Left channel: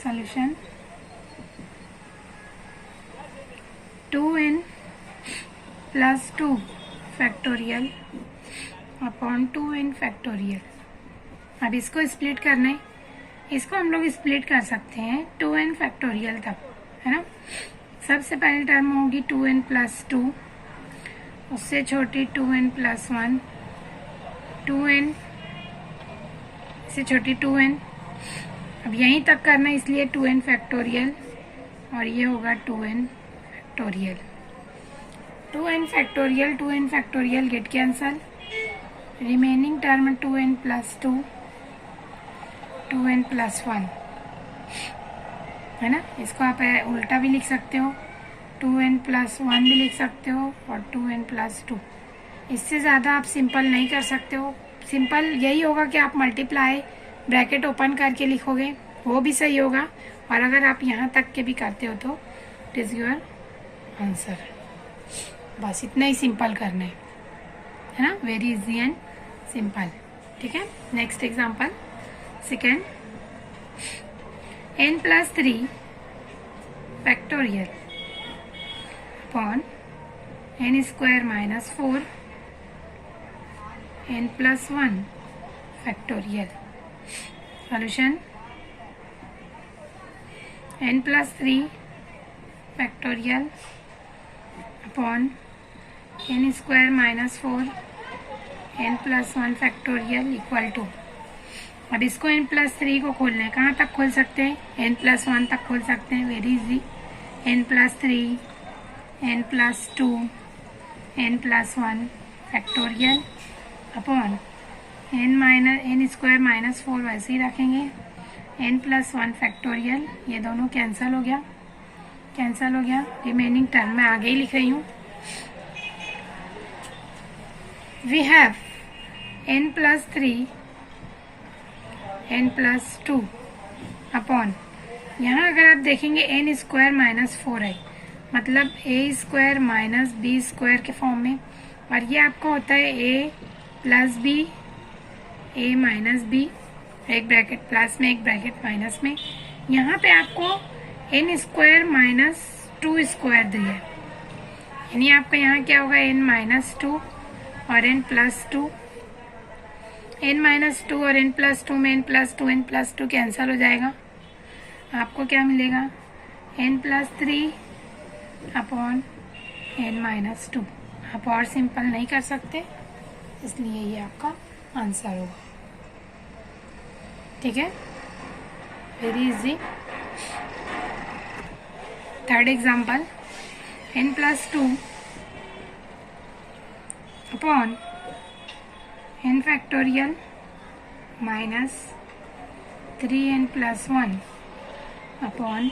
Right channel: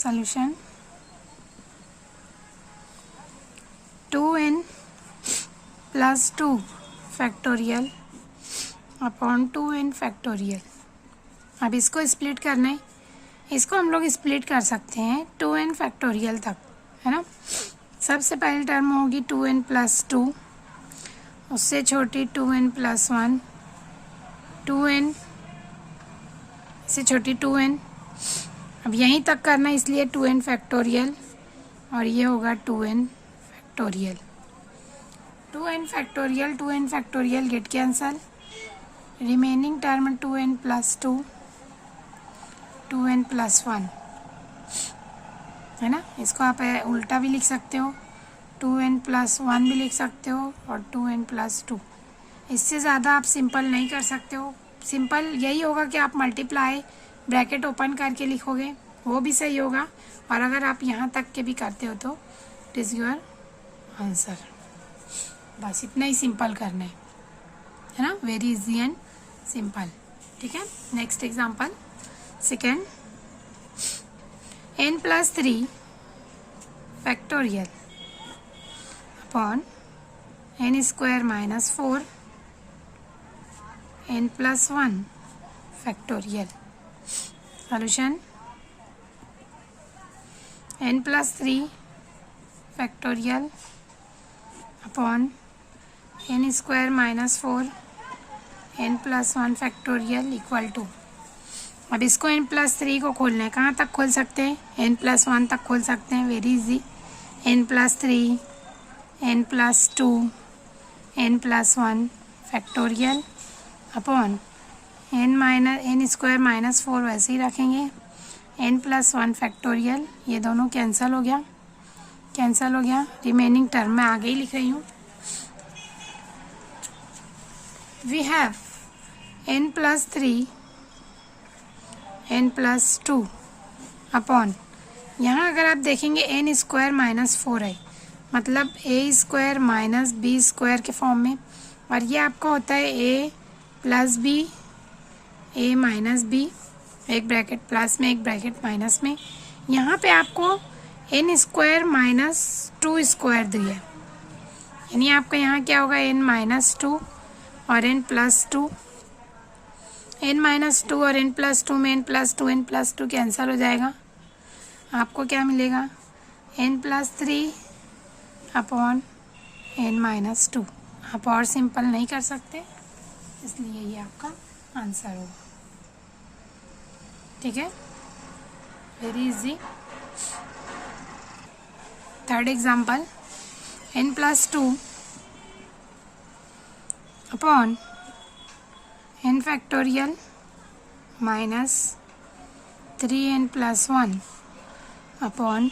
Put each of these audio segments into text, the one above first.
solution 2n plus 2 factorial upon 2n factorial. अब इसको split करना है, इसको हम लोग स्प्लिट कर सकते हैं 2n फैक्टोरियल तक, है ना। सबसे पहली टर्म होगी 2n प्लस 2, उससे छोटी 2n प्लस 1, 2n से छोटी 2n। अब यहीं तक करना है इसलिए 2n फैक्टोरियल और ये होगा 2n factorial. 2n factorial 2n factorial get cancel, remaining term 2n plus 2, 2n plus 1, है ना। इसको आप उल्टा भी लिख सकते हो, 2n प्लस 1 भी लिख सकते हो और 2n प्लस 2। इससे ज़्यादा आप सिंपल नहीं कर सकते हो। सिंपल यही होगा कि आप मल्टीप्लाई ब्रैकेट ओपन करके लिखोगे, वो भी सही होगा। और अगर आप यहाँ तक के भी करते हो तो इट इज़ योर आंसर। बस इतना ही सिंपल करना है ना, वेरी इजी एंड सिंपल। ठीक है, next example second, n plus 3 factorial upon n square minus 4 n plus 1 factorial. Solution n plus 3 factorial upon n square minus 4 n plus 1 factorial equal to. अब इसको n plus 3 को खोलना है, कहाँ तक खोल सकते हैं? n प्लस 1 तक खोल सकते हैं, very easy. n plus 3, n plus 2, n plus 1 factorial upon n square minus 4 वैसे ही रखेंगे, n प्लस 1 फैक्टोरियल। ये दोनों कैंसिल हो गया, कैंसिल हो गया। रिमेनिंग टर्म मैं आगे ही लिख रही हूँ। We have n plus 3 n plus 2 upon, यहाँ अगर आप देखेंगे n स्क्वायर माइनस 4 है, मतलब a square minus B square के फॉर्म में, और ये आपका होता है a plus B, a minus B, एक ब्रैकेट प्लस में एक ब्रैकेट माइनस में। यहाँ पे आपको n स्क्वायर माइनस 2 स्क्वायर दिया है, यानी आपका यहाँ क्या होगा n माइनस 2 और n प्लस 2, n माइनस 2 और n प्लस 2 में n plus 2 n plus 2 cancel हो जाएगा। आपको क्या मिलेगा? n plus 3 upon n minus 2। आप और सिंपल नहीं कर सकते, इसलिए ये आपका आंसर होगा। ठीक है, very easy. Third example, n plus 2 upon n factorial minus 3n plus 1 upon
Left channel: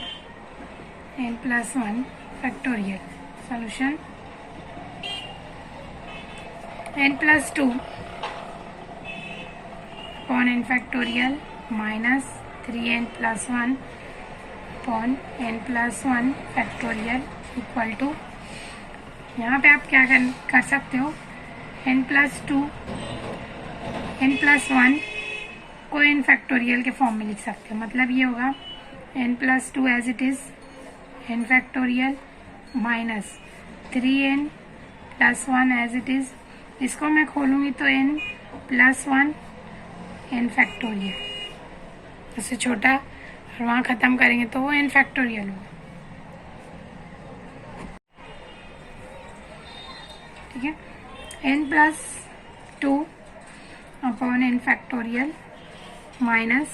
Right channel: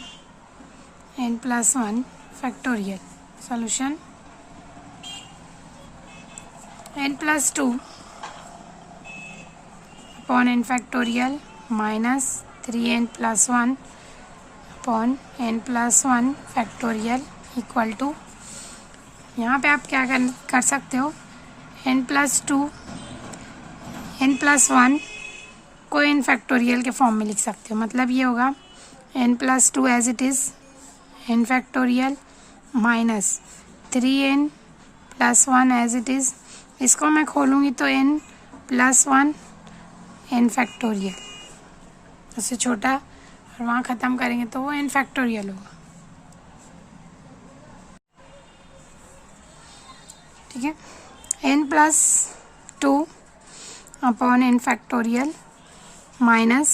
n plus 1 factorial. Solution n plus 2 upon n factorial minus 3n plus 1 upon n plus 1 factorial equal to. यहाँ पे आप क्या कर सकते हो? n plus 2 n plus 1 को n factorial के form में लिख सकते हो, मतलब ये होगा n plus 2 as it is n factorial minus 3n plus 1 as it is. इसको मैं खोलूँगी तो n प्लस 1 n फैक्टोरियल, इससे छोटा और वहाँ ख़त्म करेंगे तो वो n फैक्टोरियल होगा। ठीक है, n plus 2 upon n factorial minus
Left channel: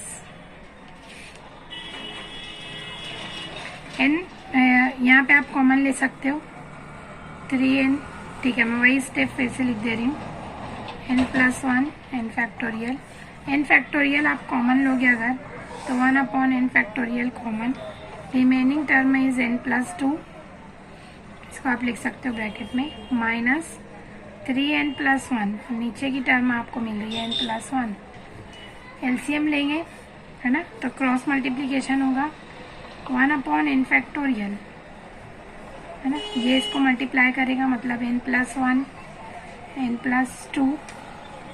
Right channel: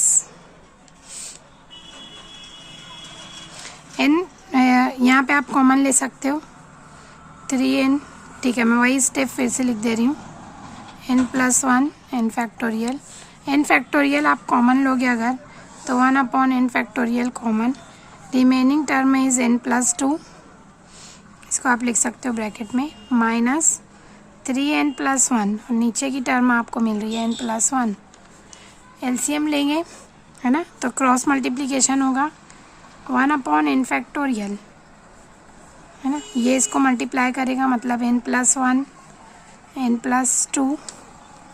n, यहाँ पे आप कॉमन ले सकते हो 3n। ठीक है, मैं वही स्टेप फिर से लिख दे रही हूँ, n plus 1 n factorial. n factorial आप कॉमन लोगे अगर तो 1 upon n factorial common, remaining term is n plus 2, इसको आप लिख सकते हो ब्रैकेट में, माइनस 3n प्लस 1, नीचे की टर्म आपको मिल रही है n प्लस 1। एलसीएम लेंगे, है ना, तो क्रॉस मल्टीप्लिकेशन होगा 1 अपॉन n फैक्टोरियल, है ना। ये इसको मल्टीप्लाई करेगा, मतलब n plus 1 n plus 2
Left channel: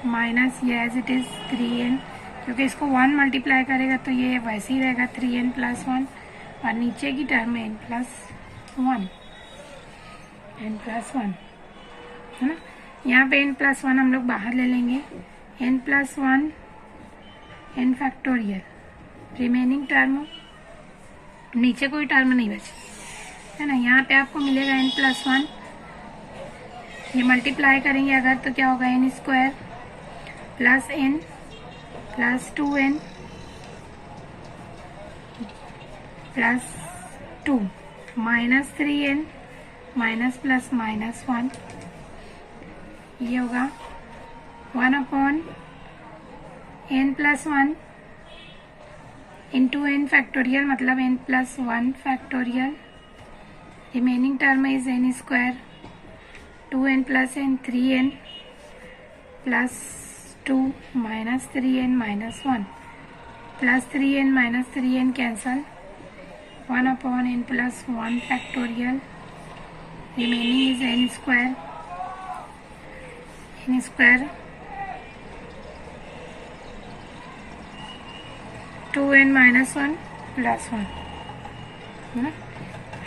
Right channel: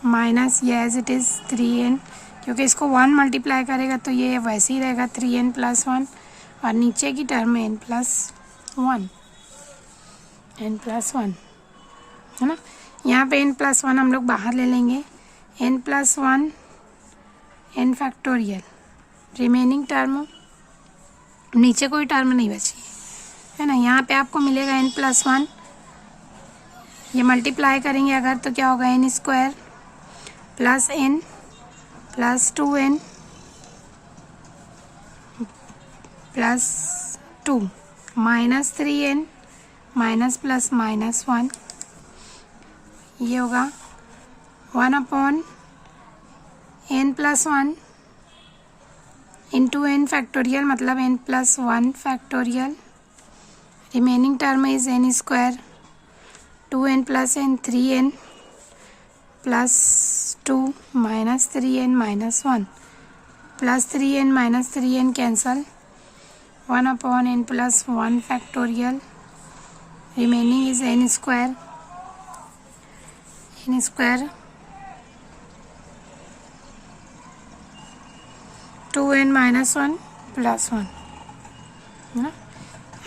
minus ये एज इट इज़ 3n क्योंकि इसको 1 मल्टीप्लाई करेगा तो ये वैसे ही रहेगा 3n+1, और नीचे की टर्म में n+1 है ना। यहाँ पे n+1 हम लोग बाहर ले लेंगे, n+1 n factorial, remaining term नीचे कोई टर्म नहीं बची है ना। यहाँ पे आपको मिलेगा n+1, ये मल्टीप्लाई करेंगे अगर तो क्या होगा n² plus n plus 2n plus 2 minus 3n minus plus -1, ये होगा 1/n+1 इंटू n फैक्टोरियल, मतलब n+1 factorial, remaining term is n², 2n plus n 3n plus 2 minus 3n minus 1 plus 3n minus 3n cancel, 1/n+1 factorial, remaining is n² 2n minus 1 plus 1 है ना।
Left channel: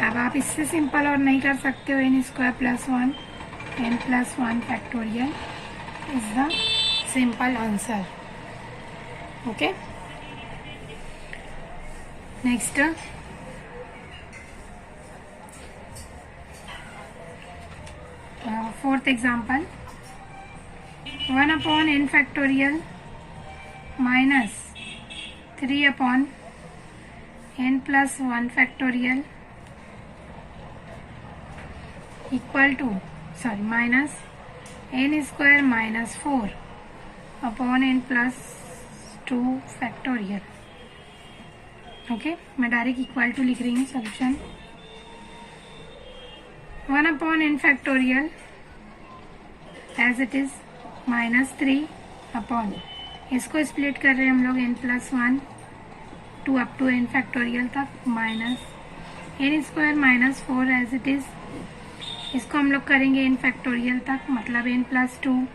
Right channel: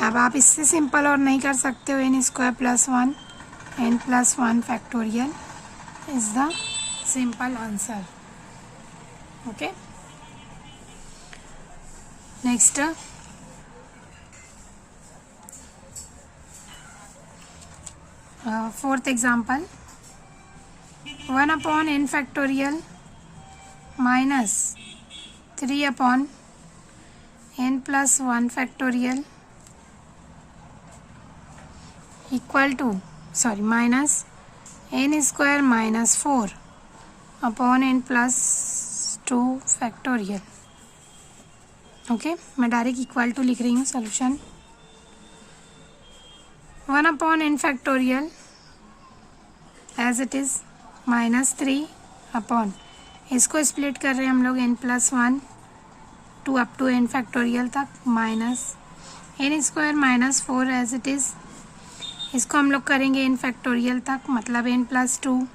अब आप इससे simple और नहीं कर सकते हो, n² plus 1 n+1 factorial is the simple answer. Okay, next fourth example, 1/n factorial minus 3/n+1 factorial equal to minus n² minus 4/n+2 factorial। Okay, मैं डायरेक्ट इक्वल टू लिख रही हूँ solution. 1/n factorial as it is -3/, इसको split कर रहे हैं हम लोग n+1 2 up to n factorial तक, minus n² minus 4 as it is, इसको हम लोग करेंगे n फैक्टोरियल तक, मतलब n+2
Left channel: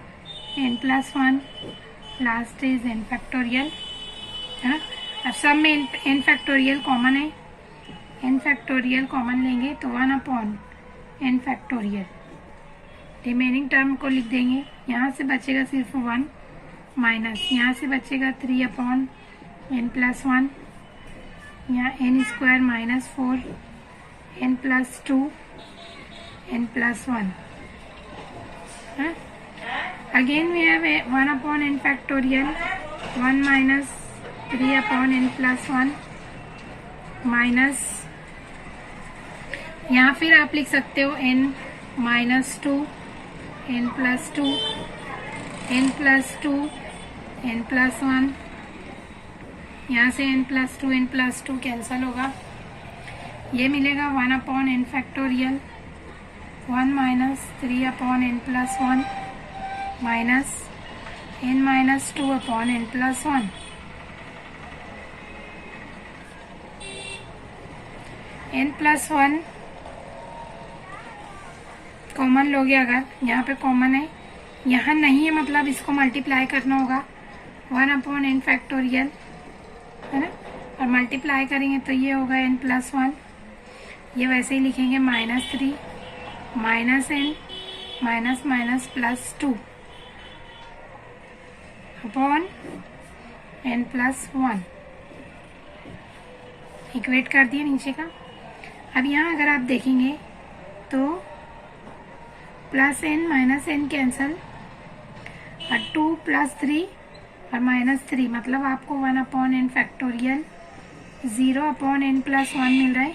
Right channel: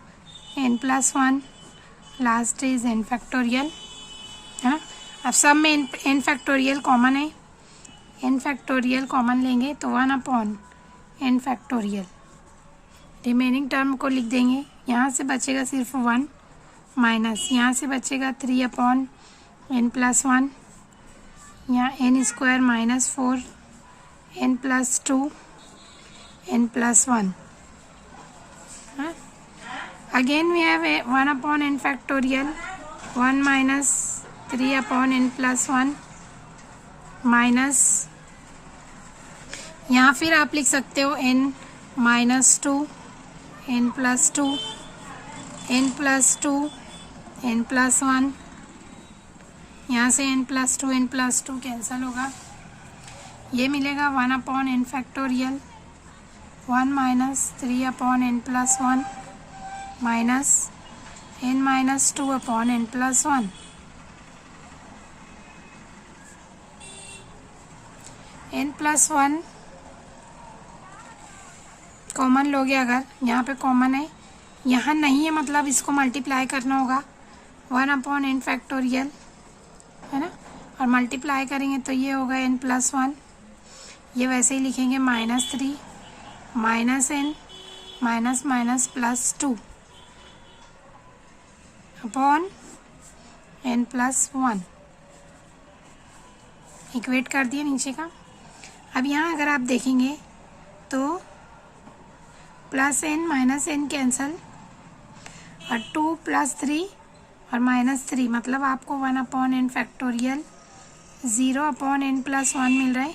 n+1 last is n factorial है ना। अब सब में n फैक्टोरियल कॉमन है, n फैक्टोरियल कॉमन लेंगे तो 1/n फैक्टोरियल, रिमेनिंग टर्म को लिख देंगे, यहाँ से बचेगा सिर्फ 1 माइनस, यहाँ से बचेगा 3/n+1, यहाँ n² minus 4 n+2 n+1, again we have 1/n factorial 1 minus 3/n+1 minus, यहाँ फिर आप लिख सकते हो n -2 n+2 n+2 n+1, यहाँ से n+2 n+2 कैंसल होगा, ये मिलेगा 1/n factorial 1 minus 3/n+1 minus n -2/n+1, n+1 common लोगे अगर, यहाँ पे कॉमन है, यहाँ नहीं है मतलब इसको मल्टीप्लाई करना होगा 1/n फैक्टोरियल है ना, और मल्टीप्लाई करेंगे तो ये होगा n+1, ये वैसे ही लिखेंगे -3 minus n minus minus +2 upon n+1, equate कर दिए नीचे का। अब यहाँ अगर आप देखेंगे तो +n माइनस n कैंसल, और 2 + 3 और -3, मतलब आपको 1/n फैक्टोरियल 0/n+1 मिल रहा है,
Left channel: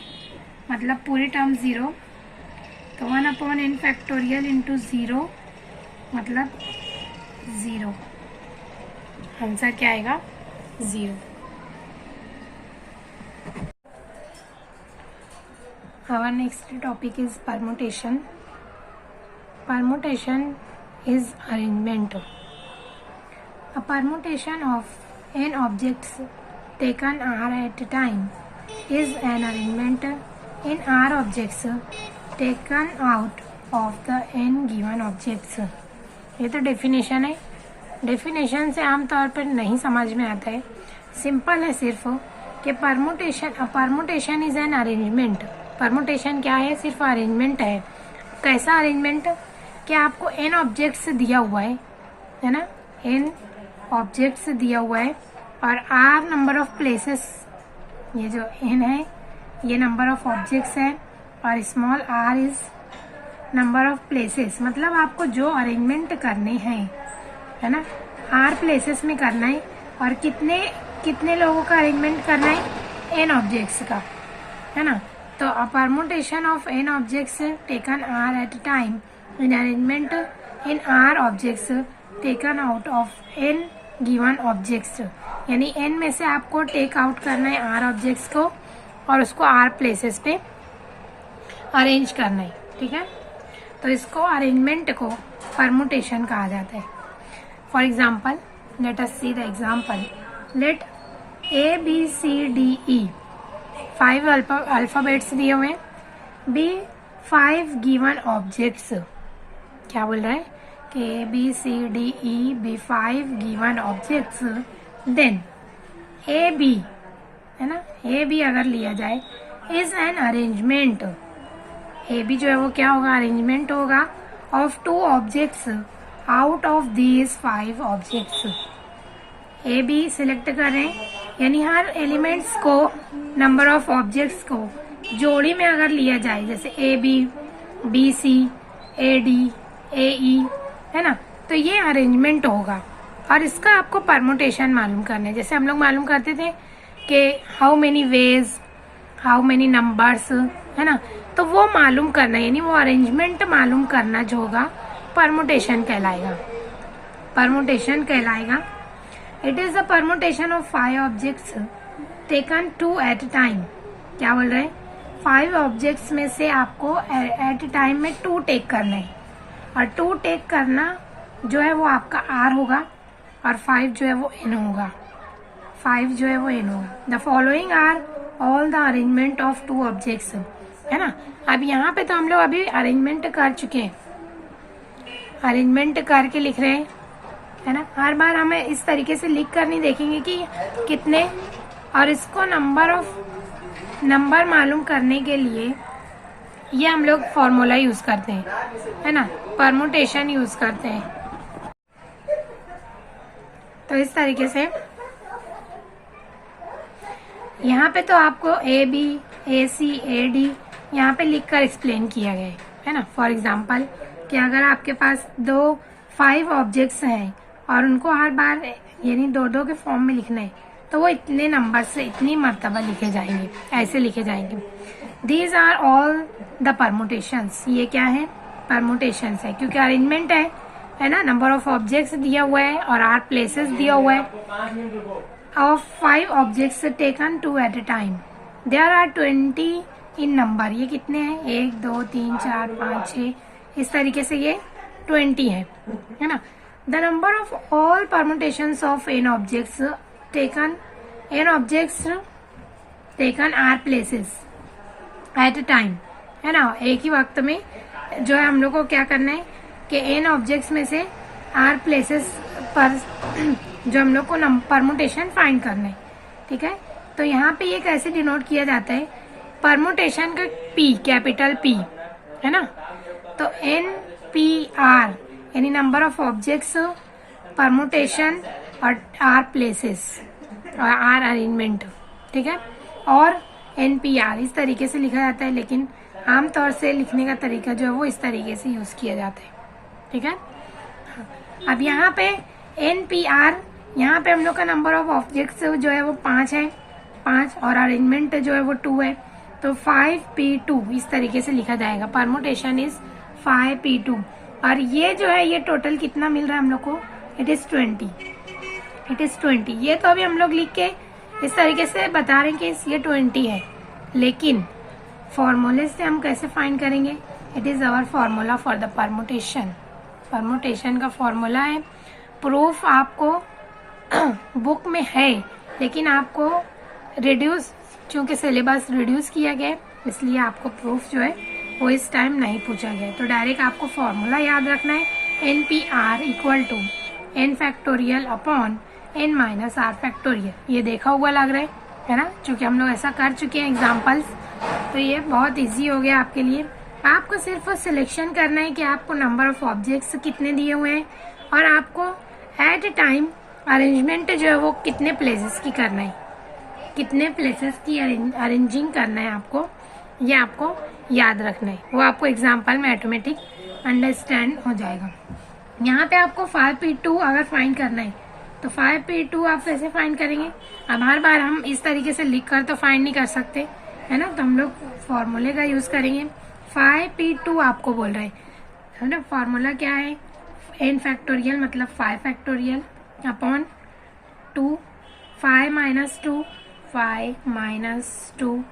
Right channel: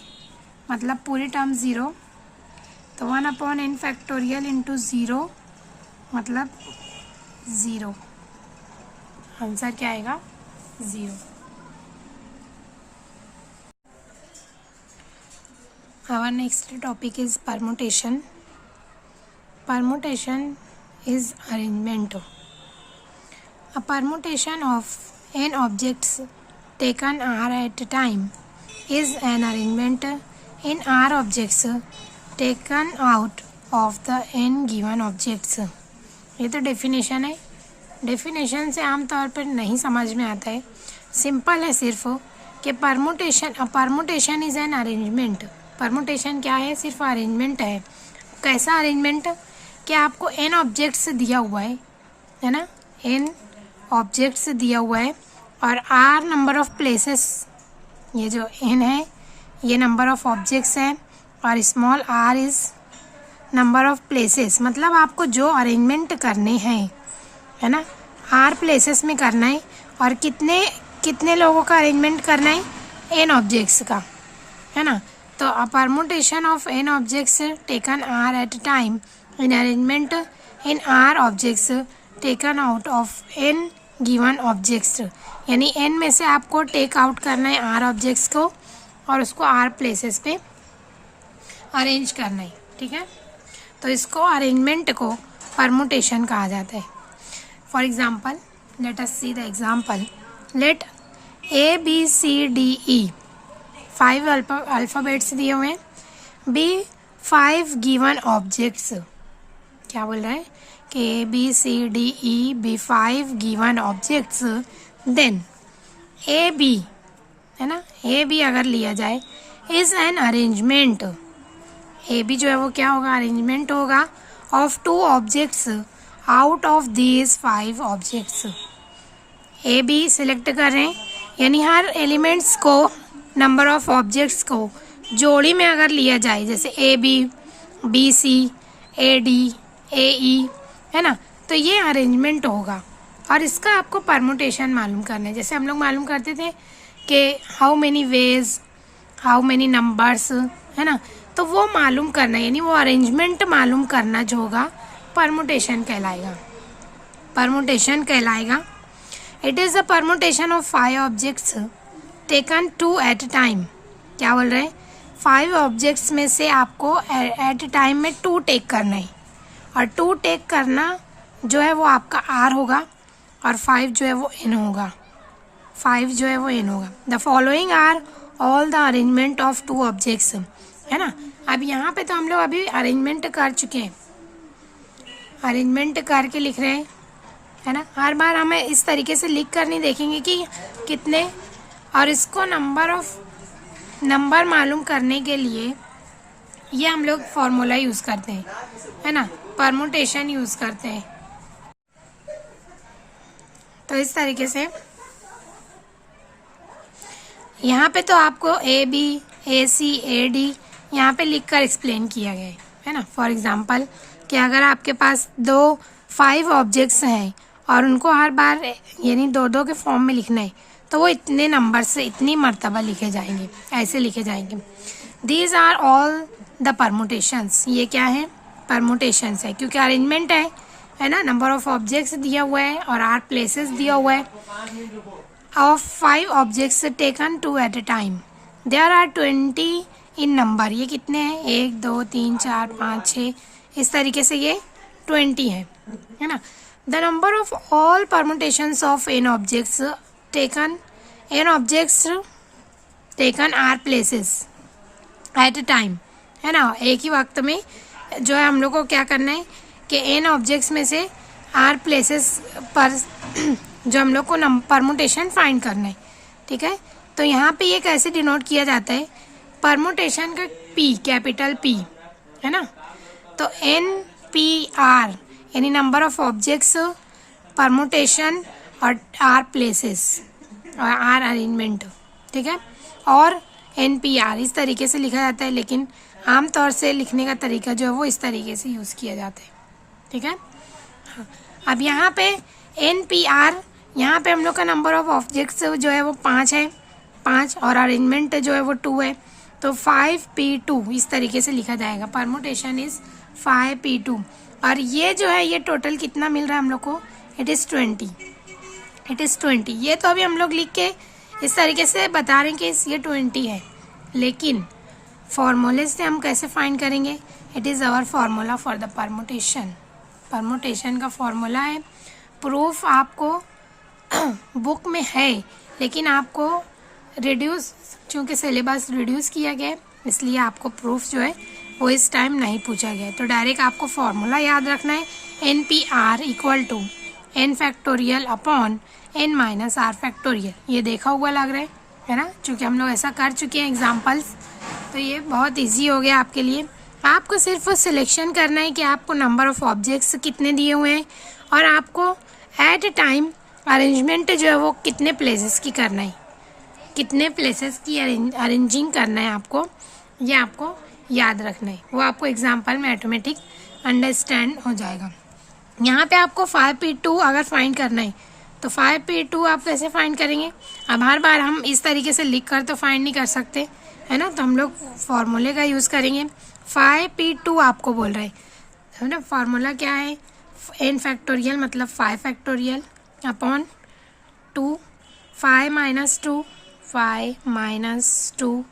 मतलब पूरी टर्म 0, तो 1/n फैक्टोरियल इंटू 0 मतलब 0, आंसर क्या आएगा 0। Our next topic is permutation. Permutation is arrangement. A permutation of n objects taken r at a time is an arrangement in r objects taken out of the n given objects. ये तो definition है, definition से आमतौर पर नहीं समझ में आता है, सिंपल है सिर्फ कि permutation is an arrangement. Permutation क्या है? सिर्फ अरेंजमेंट है। कैसा अरेंजमेंट? कि आपको n ऑब्जेक्ट्स दिया हुआ है ना, n ऑब्जेक्ट्स दिया हुआ है और r नंबर ऑफ प्लेसेस, ये जो n है ये नंबर ऑफ ऑब्जेक्ट्स है और small r is number of places. मतलब आपको जो अरेंजमेंट करने हैं, है ना, r प्लेसेस में करना है और कितने लोगों का अरेंजमेंट करना है? n ऑब्जेक्ट्स का, है ना। तो a permutation of n objects taken r at time in arrangement in r objects taken out of n given objects, यानी n में से आपको टेक आउट करना है r ऑब्जेक्ट्स को और उसको r प्लेसेस पे अरेंज करना है, ठीक है। तो इसको अरेंजमेंट को परमुटेशन कहा जाता है। For example let us see the example. Let A B C D E 5 alphabets दिए हुए हैं, B 5 गिवन ऑब्जेक्ट्स। क्या बोल रहा है कि A B C D E B 5 given objects, then A B, है ना, A B अगर लिया जाए is an arrangement. A B जो है वो क्या होगा? अरेंजमेंट होगा of 2 objects out of these 5 objects. A B select कर रहे हैं, यानी हर एलिमेंट्स को, नंबर ऑफ ऑब्जेक्ट्स को जोड़ी में अगर लिया जाए, जैसे A B, B C, A D, A E, है ना, तो ये अरेंजमेंट होगा और इसका आपको परमुटेशन मालूम करना है। जैसे हम लोग मालूम करते थे कि how many veg, how many numbers, है ना, तो वो मालूम करना, यानी वो अरेंजमेंट मालूम करना जो होगा परमुटेशन कहलाएगा। परमुटेशन कहलाएगा। It is the permutation of 5 objects taken 2 at a time. क्या बोल रहे हैं? 5 ऑब्जेक्ट्स में से आपको एट ए टाइम में 2 टेक करना है और 2 टेक करना जो है वो आपका R होगा और 5 जो है वो N होगा। 5 जो है वो N होगा। The following are all the arrangement of 2 objects, है ना। अब यहाँ पे तो हम लोग अभी अरेंजमेंट कर चुके हैं, अरेंजमेंट करके लिख रहे हैं, है ना। हर बार हमें इस तरीके से लिख कर नहीं देखेंगे कि कितने, और इसको नंबर मालूम करने के लिए ये हम लोग फॉर्मूला यूज़ करते हैं, है ना, परमुटेशन यूज़ करते हैं। तो इस तरीके से यहाँ पे तो आपको A B, A C, A D यहाँ पे लिख कर एक्सप्लेन किया गया है ना। फॉर एग्जांपल कि अगर आपके पास 5 ऑब्जेक्ट्स हैं और उनको हर बार यानी 2 के फॉर्म में लिखना है, तो वो इतने नंबर से इतनी मर्तबा लिखे जाएंगे, ऐसे लिखे जाएंगे। These are all the permutations. ये क्या है? परमुटेशंस है, क्योंकि अरेंजमेंट है ना, नंबर ऑफ ऑब्जेक्ट्स दिया हुआ है और 8 प्लेसेस दिया हुआ है of 5 objects taken 2 at a time. There are 20 in number. ये कितने हैं? 1 2 3 4 5 6, इस तरीके से ये 20 है ना। The number of all permutations of n objects taken are places at a time, है ना। एक ही वक्त में जो है हम लोग को क्या करना है कि n ऑब्जेक्ट्स में से r प्लेसेस पर जो हम लोग को परमुटेशन फाइंड करना है, ठीक है। तो यहाँ पे ये कैसे डिनोट किया जाता है? परमुटेशन का P, कैपिटल P, है ना। तो NPR यानी नंबर ऑफ ऑब्जेक्ट्स, परमुटेशन और R प्लेसेस और R अरेंजमेंट, ठीक है। और NPR इस तरीके से लिखा जाता है, लेकिन आमतौर से लिखने का तरीका जो है वो इस तरीके से यूज़ किया जाता है, ठीक है। अब यहाँ पे NPR, यहाँ पे हम लोग का नंबर ऑफ ऑब्जेक्ट्स जो है वो 5 है, 5 और अरेंजमेंट जो है वो 2 है, तो 5P2 इस तरीके से लिखा जाएगा। परमुटेशन इज 5P2 और ये जो है ये टोटल कितना मिल रहा है हम लोग को? It is 20। ये तो अभी हम लोग लिख के इस तरीके से बता रहे हैं कि ये 20 है, लेकिन फॉर्मूले से हम कैसे फाइंड करेंगे? It is our formula for the permutation. Permutation का फॉर्मूला है, प्रूफ आपको बुक में है, लेकिन आपको रिड्यूस, क्योंकि सिलेबस रिड्यूस किया गया इसलिए आपको प्रूफ जो है वो इस टाइम नहीं पूछा गया। तो डायरेक्ट आपको फॉर्मूला याद रखना है, NPR equal to n factorial upon n minus r factorial. ये देखा हुआ लग रहा है ना, क्योंकि हम लोग ऐसा कर चुके हैं एग्जाम्पल्स, तो ये बहुत इजी हो गया आपके लिए। आपको सिर्फ सिलेक्शन करना है कि आपको नंबर ऑफ ऑब्जेक्ट्स कितने दिए हुए हैं और आपको एट ए टाइम अरेंजमेंट जो है वो कितने प्लेसेस की करना है, कितने प्लेसेस की अरेंजिंग करना है आपको, ये आपको याद रखना है। वो आपको एग्जाम्पल में ऑटोमेटिक अंडरस्टैंड हो जाएगा। यहाँ पे आपको 5p2 अगर फाइंड करना है तो 5p2 आप कैसे फाइंड करेंगे। अब हर बार हम इस तरीके से लिख कर तो फाइंड नहीं कर सकते है ना, तो हम लोग फॉर्मूले का यूज़ करेंगे। 5p2 आपको बोल रहे है ना, फार्मूला क्या है, n फैक्टोरियल मतलब 5 फैक्टोरियल अपॉन 2, 5 माइनस 2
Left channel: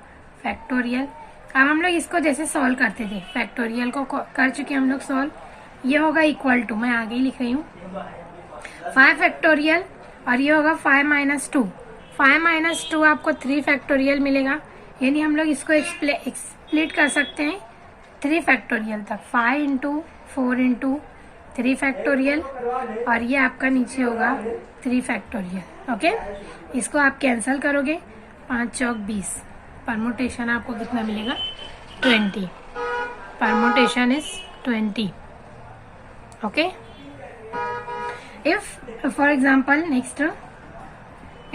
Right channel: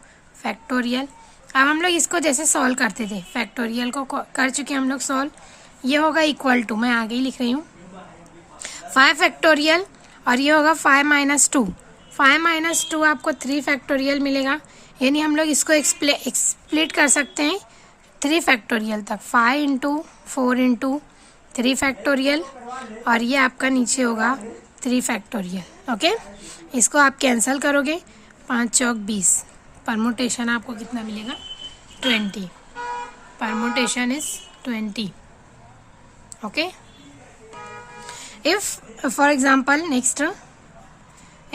फैक्टोरियल। अब हम लोग इसको जैसे सॉल्व करते थे, फैक्टोरियल को कर चुके हम लोग सॉल्व, ये होगा इक्वल टू, मैं आगे ही लिख रही हूँ 5 फैक्टोरियल और ये होगा 5 माइनस 2। 5 माइनस 2 आपको 3 फैक्टोरियल मिलेगा, यानी हम लोग इसको एक्सप्लिट कर सकते हैं 3 फैक्टोरियल तक, 5 इंटू 4 इंटू 3 फैक्टोरियल और ये आपका नीचे होगा 3 फैक्टोरियल। ओके, इसको आप कैंसिल करोगे, 5 चौक 20, परमुटेशन आपको कितना मिलेगा 20, permutation is 20। Okay, if for example next,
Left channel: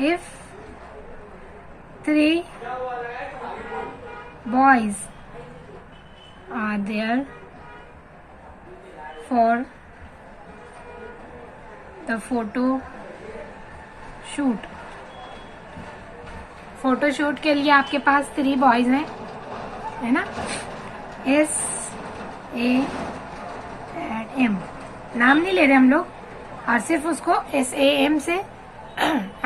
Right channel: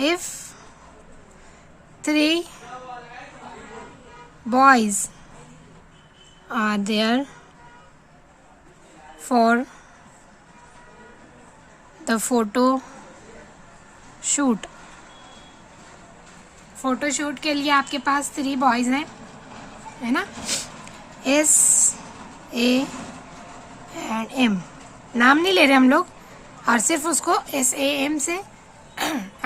if 3 boys are there for the photo shoot, photo shoot के लिए आपके पास 3 बॉयज़ हैं है ना, SAM, नाम नहीं ले रहे हम लोग और सिर्फ उसको SAM से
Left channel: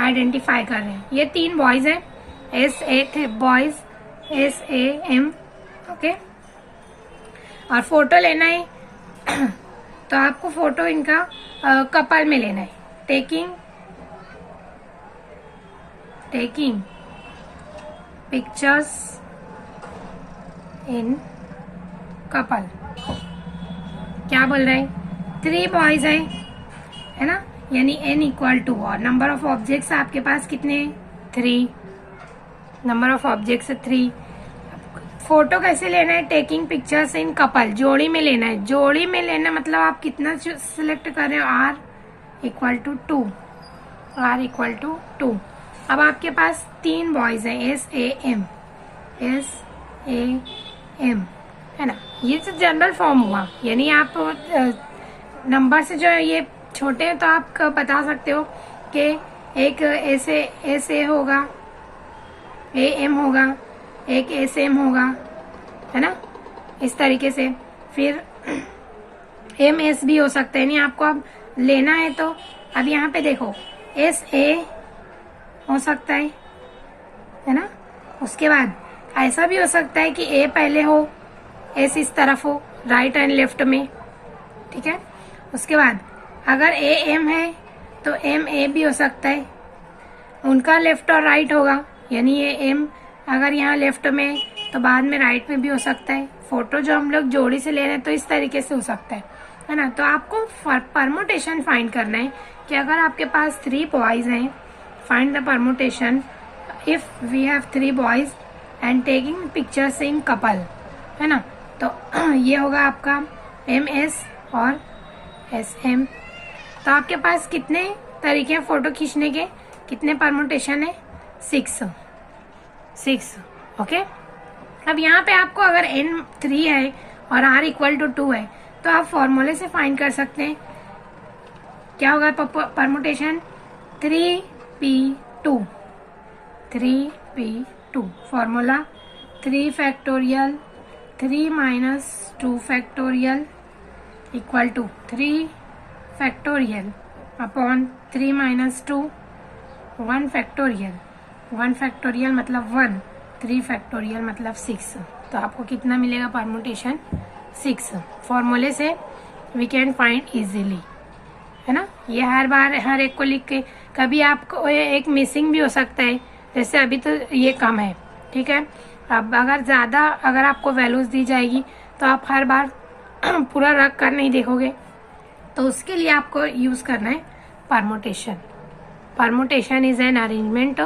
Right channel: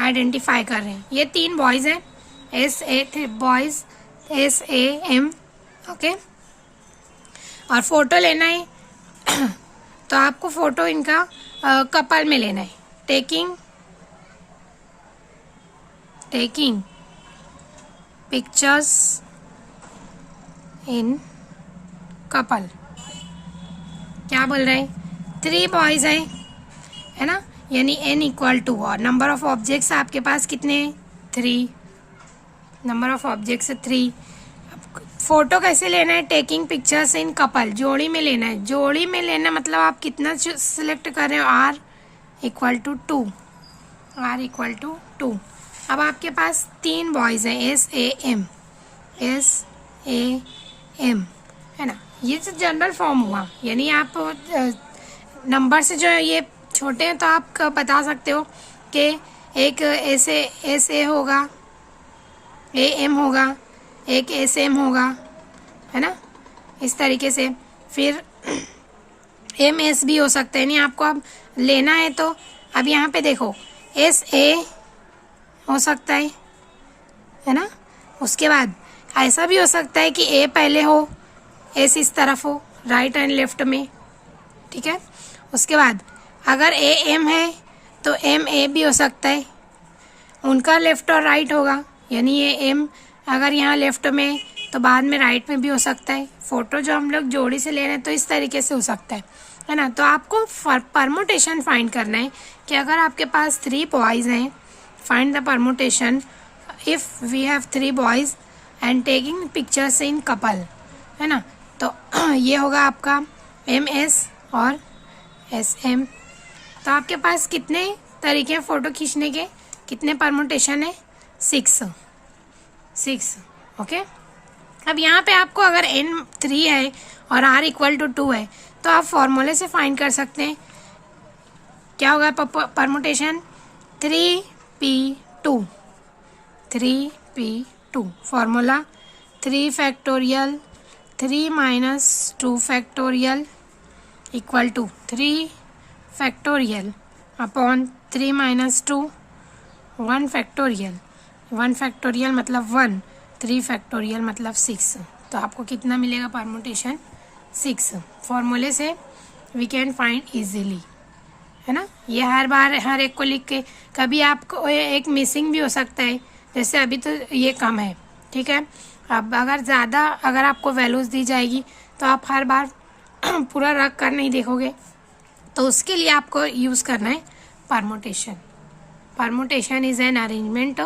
आइडेंटिफाई कर रहे हैं। ये 3 बॉयज़ हैं, बॉयज़ SAM। ओके, और फोटो लेना है तो आपको फोटो इनका कपल में लेना है, टेकिंग पिक्चर्स इन कपल। क्या बोल रहे हैं, 3 बॉयज़ हैं है ना, यानी n इक्वल टू, और नंबर ऑफ ऑब्जेक्ट्स आपके पास कितने हैं 3, नंबर ऑफ ऑब्जेक्ट्स 3। फोटो कैसे लेना है, टेकिंग पिक्चर्स इन कपल, जोड़ी में लेना है, जोड़ी में लेना मतलब आप कितना सिलेक्ट कर रहे हो, r equal to 2, r equal to 2। अब आपके पास 3 बॉयज़ हैं SAM है ना, ये तो जनरल फॉर्म हुआ, यानी आप नंबर से जो है ये छोटे हैं तो आप बता सकते हो कि एक SA होगा, AM होगा, एक SM होगा है ना, इस तरीके से। फिर MS भी हो सकता है, नहीं आपको अब लेना है तो अब यहाँ पे देखो SA हो सकता है ना, उसके बाद ऐसा भी हो सकता है कि A पहले हो, S इस तरफ हो, राइट एंड लेफ्ट में, ठीक है। उसके बाद अगर AM है तो MA भी हो सकता है, उनका लेफ्ट और राइट होगा, यानी ये M अगर यहाँ लेफ्ट में तो बाद में राइट में भी हो सकता है। फोटो जो हम लोग जोड़ी से ले रहे हैं तो इस तरीके से हो सकता है ना। तो आपको परमुटेशन फाइंड करना है कि अगर आपके पास 3 बॉयज़ हैं, find the permutation if we have 3 boys and taking pictures in couple है ना। तो ये होगा आपका MS और SM। तो आपके पास कितने तरीके हैं फ़ोटो खींचने के, कितने परमुटेशन है 6। ओके, अब यहाँ पे आपको अगर N 3 है और R इक्वल टू 2 है तो आप फॉर्मूले से फाइंड कर सकते हैं। क्या होगा permutation 3p2 formula 3 factorial 3 minus 2 factorial equal to 3 factorial upon 3 minus 2 1 factorial. 1 factorial मतलब 1, 3 फैक्टोरियल मतलब 6। तो आपको कितना मिलेगा परमुटेशन 6। फॉर्मूले से वी कैन फाइंड इजीली है ना। ये हर बार हर एक को लिख के, कभी आपको एक मिसिंग भी हो सकता है, जैसे अभी तो ये कम है, ठीक है। अब अगर ज़्यादा अगर आपको वैल्यूज़ दी जाएगी तो आप हर बार पूरा रख कर नहीं देखोगे, तो उसके लिए आपको यूज़ करना है permutation. Permutation is an arrangement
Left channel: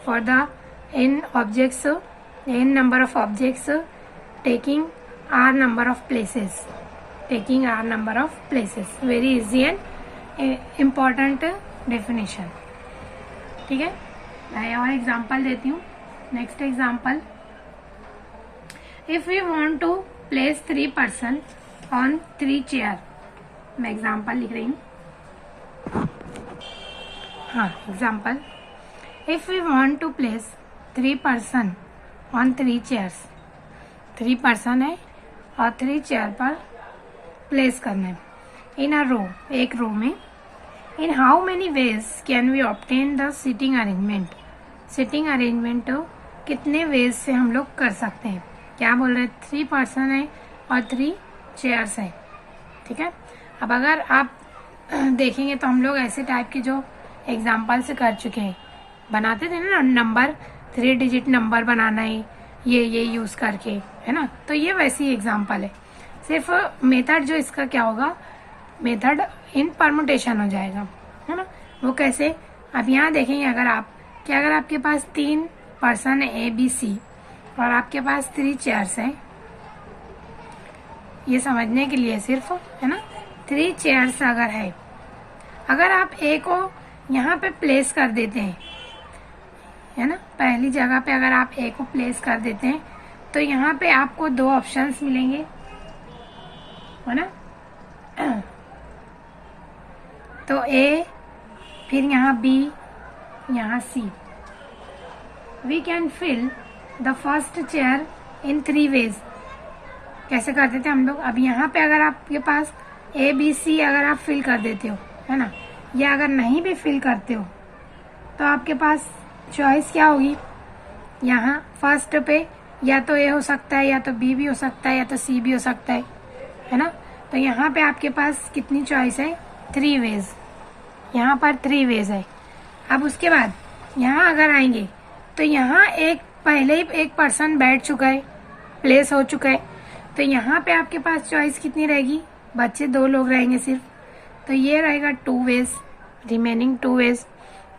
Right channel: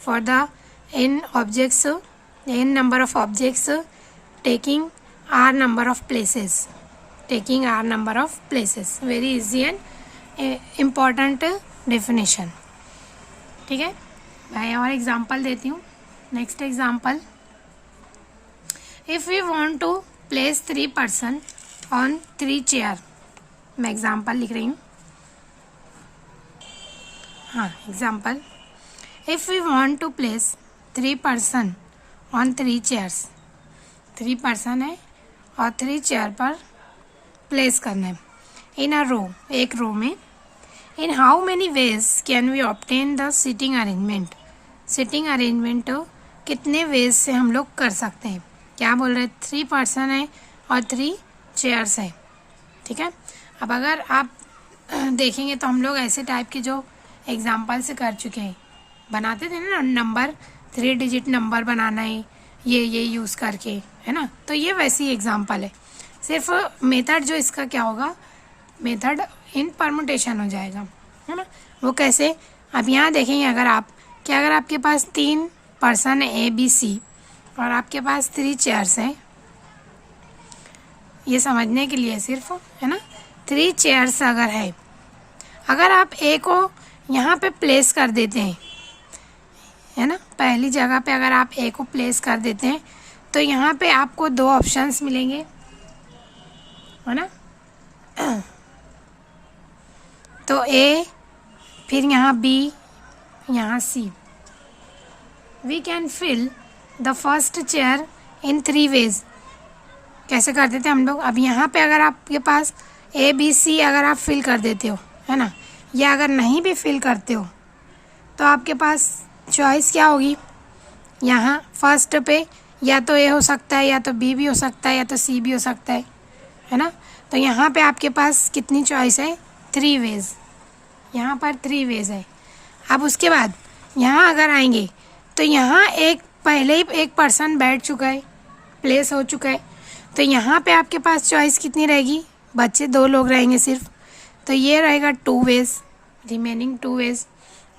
for the n number of objects taking r number of places. Very easy and important definition. ठीक है, मैं और एग्जाम्पल देती हूँ. Next example, if we want to place 3 person on 3 chair. मैं example लिख रही हूँ. हाँ, example, if we want to place 3 person on 3 chairs. 3 person है और 3 चेयर पर प्लेस करना है इन अ रो, एक रो में. In how many ways can we obtain the seating arrangement. Seating arrangement कितने वेज से हम लोग कर सकते हैं. क्या बोल रहे हैं, 3 person है और 3 chairs है. ठीक है, अब अगर आप देखेंगे तो हम लोग ऐसे टाइप के जो एग्जाम्पल से कर चुके हैं, बनाते थे ना नंबर, 3 digit नंबर बनाना है ये यूज़ करके, है ना. तो ये वैसी एग्जाम्पल है. सिर्फ मेथड जो इसका क्या होगा, मेथड इन परमुटेशन हो जाएगा, है ना. वो कैसे, अब यहाँ देखेंगे, अगर आपके पास 3 person है ए बी सी और आपके पास 3 chairs हैं, ये समझने के लिए सिर्फ, है ना. 3 chairs अगर है, अगर आप ए को यहाँ पे प्लेस कर देते हैं, है ना, पहली जगह पे अगर आप ए को प्लेस कर देते हैं तो यहाँ पे आपको 2 ऑप्शंस मिलेंगे, है ना. तो ए, फिर यहाँ बी, यहाँ C. We can fill the first chair in 3 ways. कैसे कर देते हैं हम लोग, अब यहाँ पे अगर आपके पास ए बी सी अगर आप फिल कर देते हो, है ना, या अगर नहीं भी फिल करते हो तो आपके पास चॉइस क्या होगी, यहाँ फर्स्ट पे या तो ए हो सकता है, या तो बी भी हो सकता है, या तो सी भी हो सकता है ना. तो यहाँ पे आपके पास कितनी चॉइस है, 3 ways. यहाँ पर 3 ways है. अब उसके बाद यहाँ अगर आएंगे तो यहाँ पहले ही एक पर्सन बैठ चुका है, प्लेस हो चुका है. तो यहाँ पे आपके पास चॉइस कितनी रहेगी, बच्चे 2 लोग रहेंगे सिर्फ. तो ये रहेगा 2 ways, रिमेनिंग 2 ways.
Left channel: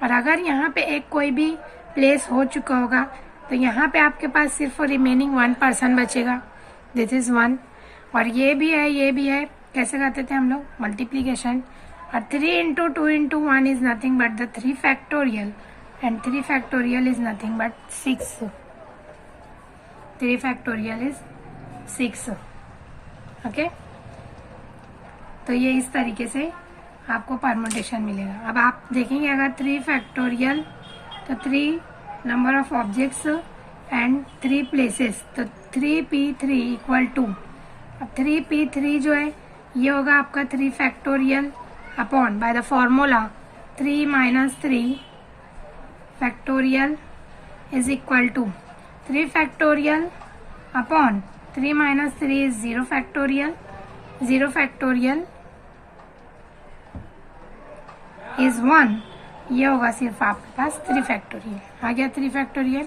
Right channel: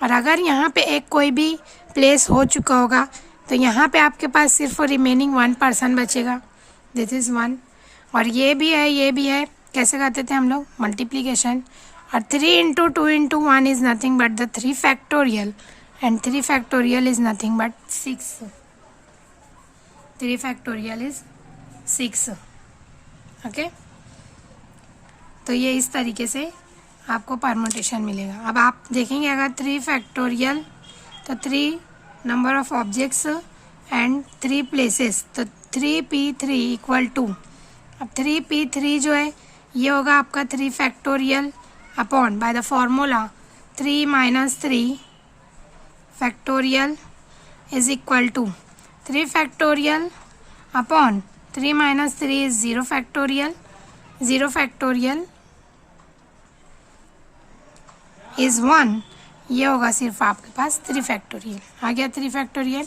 और अगर यहाँ पे एक कोई भी प्लेस हो चुका होगा तो यहाँ पे आपके पास सिर्फ रिमेनिंग 1 person बचेगा. This is 1. और ये भी है. कैसे करते थे हम लोग, मल्टीप्लीकेशन. और 3 into 2 into 1 is nothing but the 3 factorial. And 3 factorial is nothing but 6. 3 factorial is 6. Okay, तो ये इस तरीके से आपको परमुटेशन मिलेगा. अब आप देखेंगे अगर 3 factorial तो 3 number of objects and 3 places, तो 3p3 equal to, अब 3p3 जो है ये होगा आपका 3 factorial upon by the formula 3 minus 3 factorial is equal to 3 factorial upon 3 minus 3 is 0 factorial. 0 factorial is 1. ये होगा सिर्फ आपके पास 3 factorial. आ गया 3 factorial.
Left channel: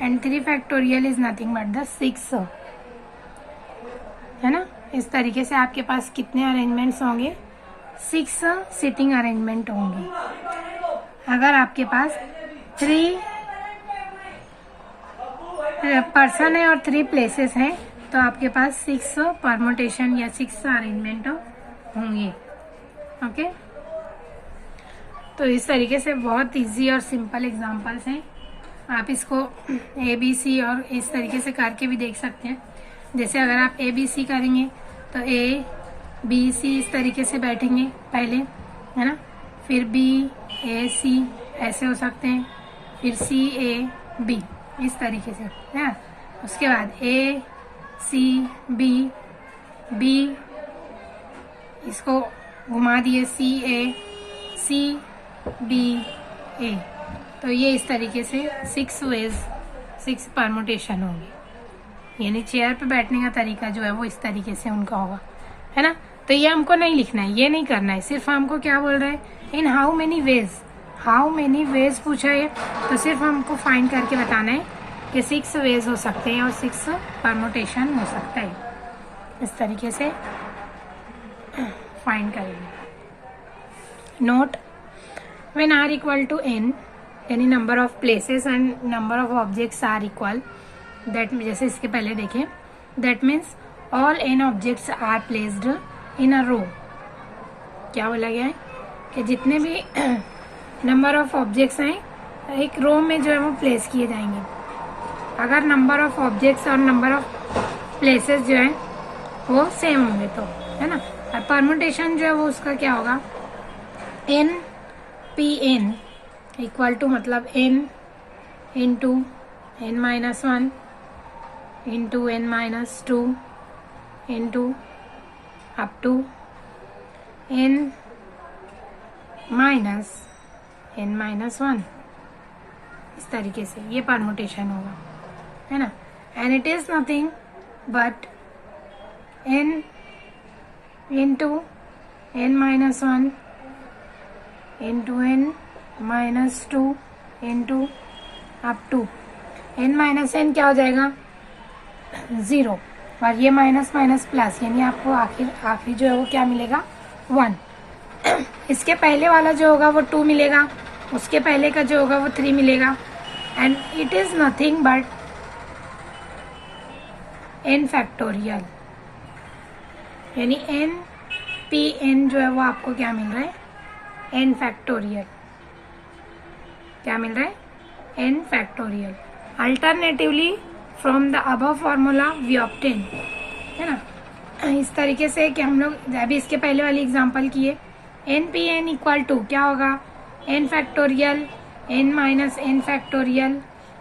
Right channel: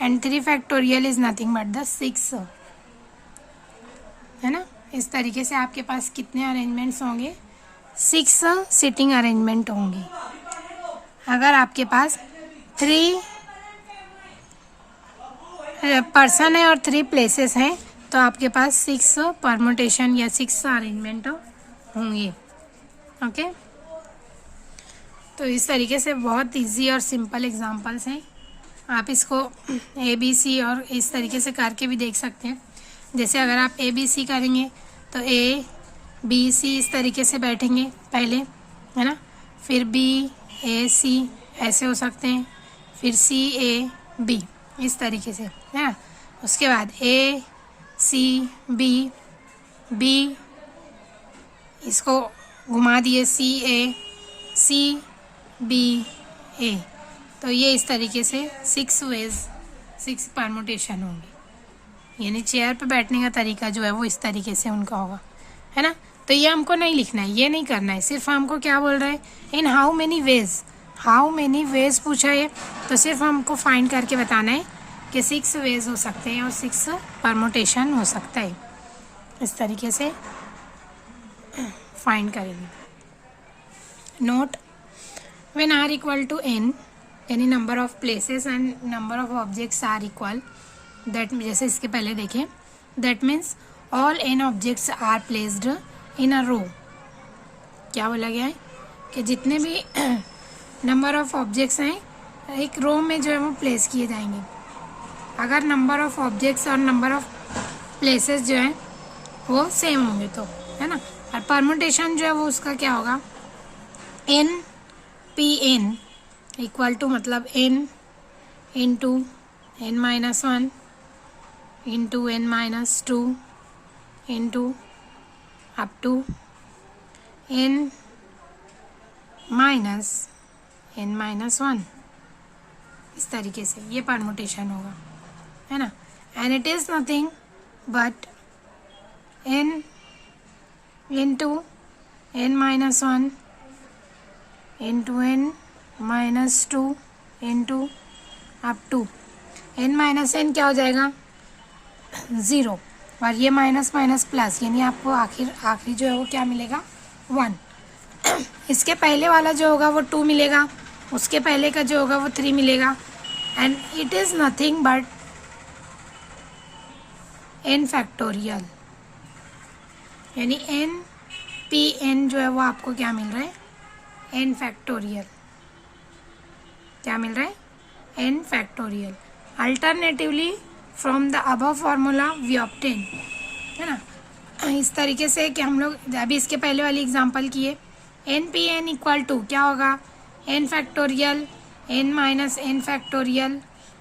and 3 factorial is nothing but the 6, है ना. इस तरीके से आपके पास कितने अरेंजमेंट्स होंगे, 6 सिटिंग अरेंजमेंट होंगे. अगर आपके पास 3 person है और 3 places हैं तो आपके पास 6 परमुटेशन या 6 अरेंजमेंट होंगे. ओके, तो इस तरीके से बहुत इजी और सिंपल एग्जांपल्स हैं. आप इसको ए बी सी और इस तरीके से करके भी देख सकते हैं. जैसे अगर आप ए बी सी करेंगे तो ए बी सी इस तरीके से बैठेंगे पहले, है ना. फिर बी ए सी ऐसे हो सकते हैं, फिर सी ए बी इस तरीके से, है ना. उसके बाद ए सी बी, बी इसको घुमा दिए सी ए, सी बी ए. तो ये इस तरीके से 6 ways 6 परमुटेशन होंगे. यानी चेयर पे बैठने का तरीका जो है वो इस तरीके से उनका होगा, है ना. तो ये हमको नहीं लिखना है, ये नहीं करना है. सिर्फ हमको क्या बोल रहे हैं, इन हाउ मेनी वेज पूछा है तो सिर्फ हमको फाइंड करके बताना है कि 6 ways हो सकते हैं और 6 परमुटेशन हो सकता है. इस तरीके से फाइंड करेंगे. note, when r equal to n, यानी number of places and number of objects are equal, that जैसे इसके पहले देखें, that means all n objects are placed in a row. क्या बोला गया है कि जितने भी नंबर ऑफ ऑब्जेक्ट्स हैं एक रो में जो है वो प्लेस किए जाएंगे। अगर नंबर ऑफ ऑब्जेक्ट्स और नंबर ऑफ प्लेसेस जो हैं वो सेम होंगे तो, है ना। और परमुटेशन जो है वो उसका क्या होगा, n p n equal to मतलब n into n-1 into n-2 into up to n-1, इस तरीके से ये परमुटेशन होगा, है ना। And it is nothing but n into n-1 into n-2 into up to n-n क्या हो जाएगा 0, और ये माइनस माइनस प्लस, यानी आपको आखिरी जो है वो क्या मिलेगा 1। इसके पहले वाला जो होगा वो 2 मिलेगा, उसके पहले का जो होगा वो 3 मिलेगा। And it is nothing but n factorial, यानी n p n जो है वो आपको क्या मिल रहा है n फैक्टोरियल। क्या मिल रहा है n factorial. Alternatively from the above formula we obtain, है ना। इस तरीके से कि हम लोग अभी इसके पहले वाली एग्जांपल किए, n p n equal to क्या होगा n factorial n minus n factorial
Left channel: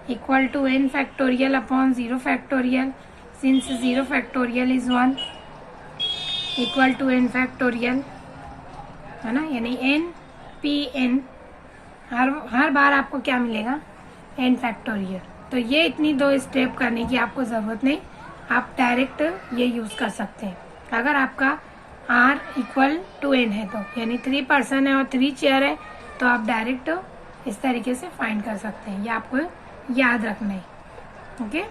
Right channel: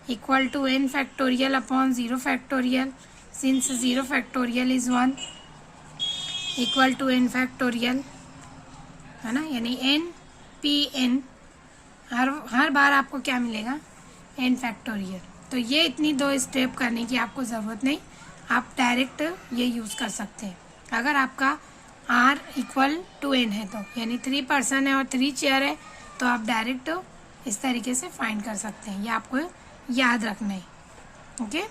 equal to n factorial upon 0 factorial, since 0 factorial is 1 equal to n factorial, है ना। यानी n p n हर बार आपको क्या मिलेगा n फैक्टोरियल। तो ये इतनी 2 स्टेप करने की आपको ज़रूरत नहीं, आप डायरेक्ट ये यूज़ कर सकते हैं। अगर आपका r इक्वल टू n है तो, यानी 3 पर्सन है और 3 चेयर है, तो आप डायरेक्ट इस तरीके से फाइंड कर सकते हैं। ये आपको याद रखना है, ओके।